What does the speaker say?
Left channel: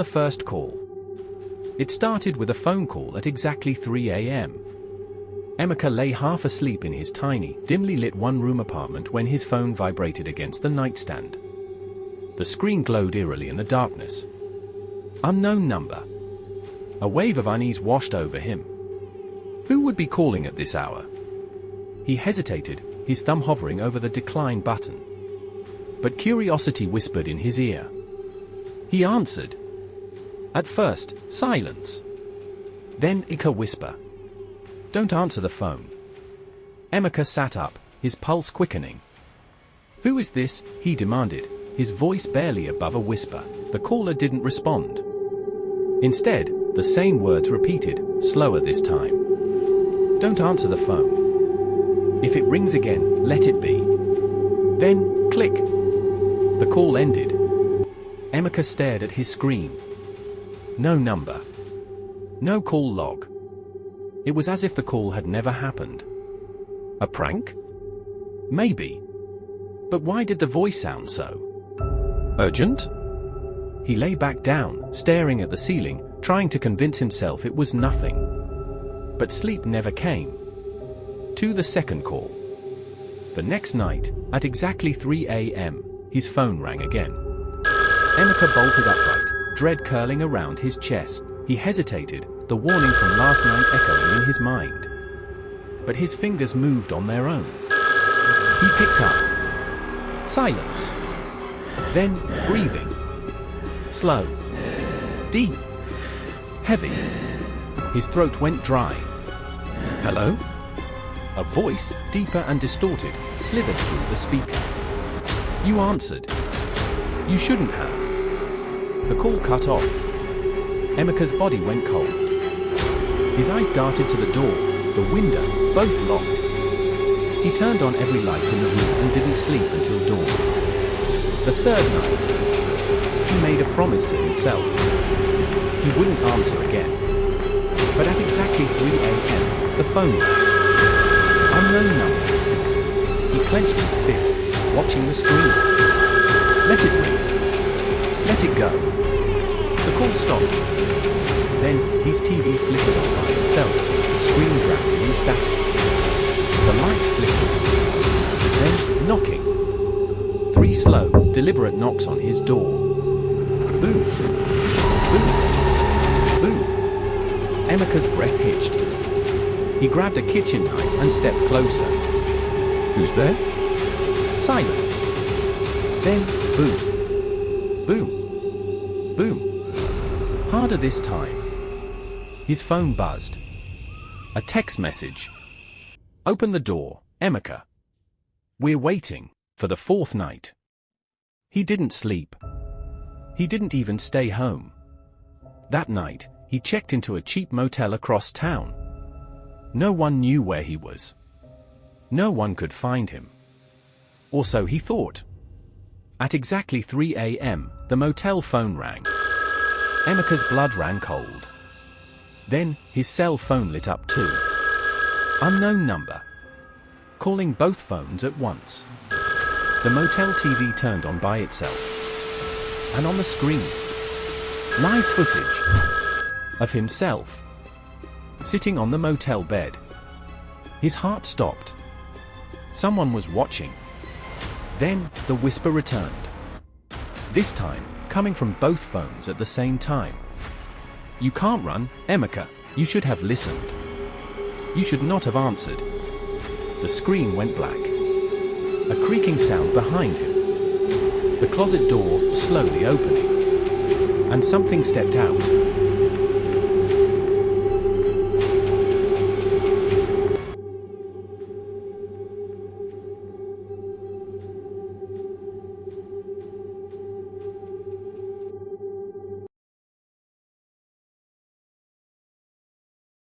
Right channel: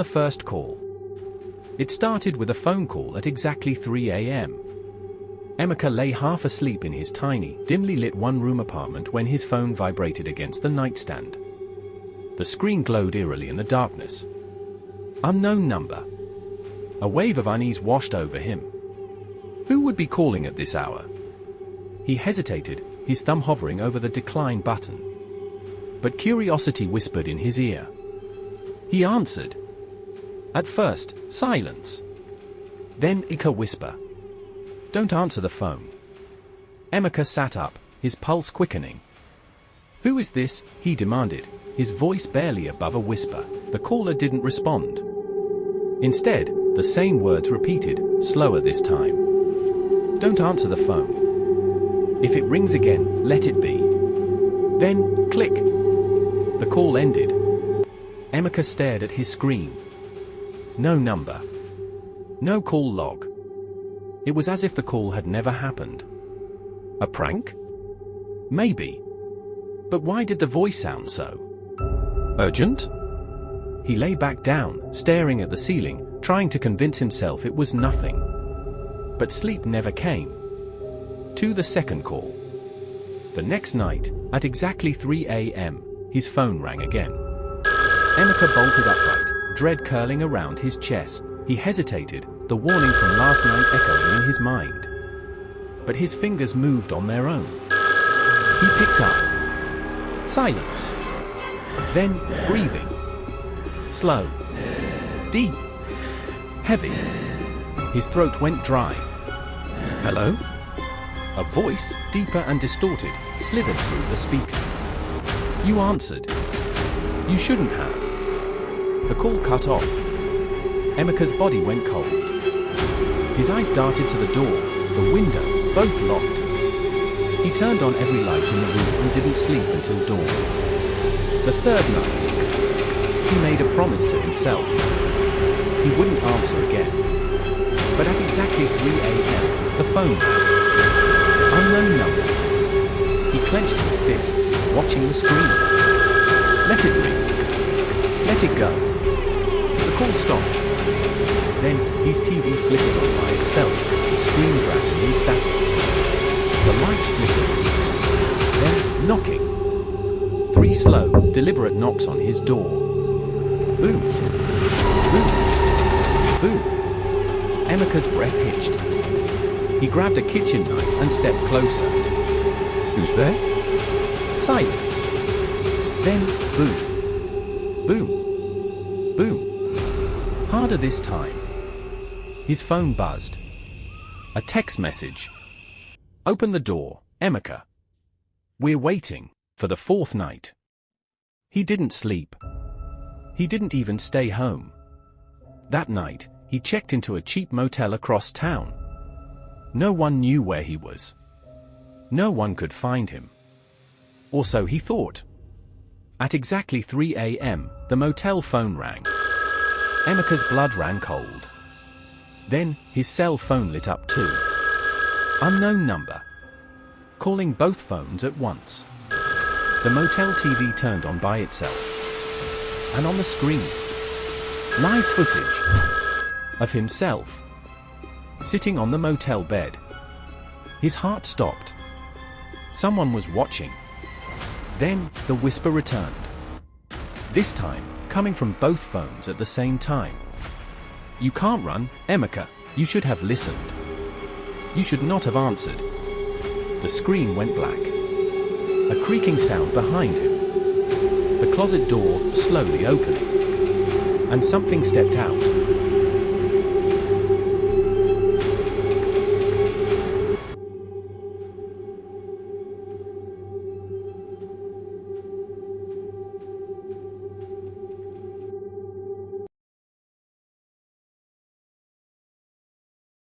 the first call. It started with a phone call at exactly 3 a.m. Emeka lay half asleep in his tiny, dimly lit one-room apartment when his phone vibrated against the nightstand. The screen glowed eerily in the darkness. Unknown number. A wave of unease washed over him. Who would be calling at this hour? He hesitated, his thumb hovering over the decline button. But curiosity whispered in his ear. He answered. At first, silence. Then a whisper. Don't answer the phone. Emeka sat up, his pulse quickening. Who is this? He demanded, his voice barely above a whisper. The caller didn't respond. Instead, the same words repeated, slower this time. Don't answer the phone. If it rings again, let it be. Then, click. The call ended. Emeka stared at his screen. No number. No call log. It was as if the call had never happened. A prank? Maybe. But why did the voice sound so urgent? He lay back down, staring at the ceiling, trying to convince himself it was nothing. But sleep never came. To the second call. The next night, at exactly 3 a.m., his phone rang again. Emeka bolted upright, dread curling around his chest. He hesitated, the warning from last night echoing in his mind. But his fingers moved on their own. He picked up. Silence. Then, breathing. Slow. Deep. Heavy. His throat went dry. Hello? A voice, deeper and distorted, slithered through the speaker. You answered. You shouldn't have. The call cut off. Emeka's body went cold. His eyes darted to the door, the window, both locked. He turned on every light in the room and didn't sleep until dawn. The third night, he made a promise to himself. He wouldn't answer again. But at exactly 3 a.m., the phone rang. Unknown number. He clenched his fists, watching the screen. Let it ring. Let it go. The call stopped. Then, his TV flickered on by itself, the screen drowning in static. The lights flickered. Then, knocking. 3 slow, deliberate knocks on his door. Boom. Boom. Boom. Emeka's breath hitched. He grabbed a kitchen knife and stepped closer. Who's there? Silence. Then, boom. Boom. Boom. Harder this time. His phone buzzed. A text message. Open the door, Emeka. We're waiting for the 4th night. He didn't sleep. He didn't even stay home. That night, he checked into a cheap motel across town. No one knew where he was. No one could find him. Or so he thought. At exactly 3 a.m., the motel phone rang. Emeka's blood ran cold. Then, his cell phone lit up too. Unknown number. Calling both phones at once. The motel TV turned on by itself. And on the screen, live footage of himself, sitting on the motel bed. His heart stopped. Someone was watching. Then, the whisper returned. This time, coming from both phones at the same time. You can't run, Emeka. You should have listened. You should not have answered. The screen went black. A creaking sound behind him. The closet door slowly opening. And something stepped out.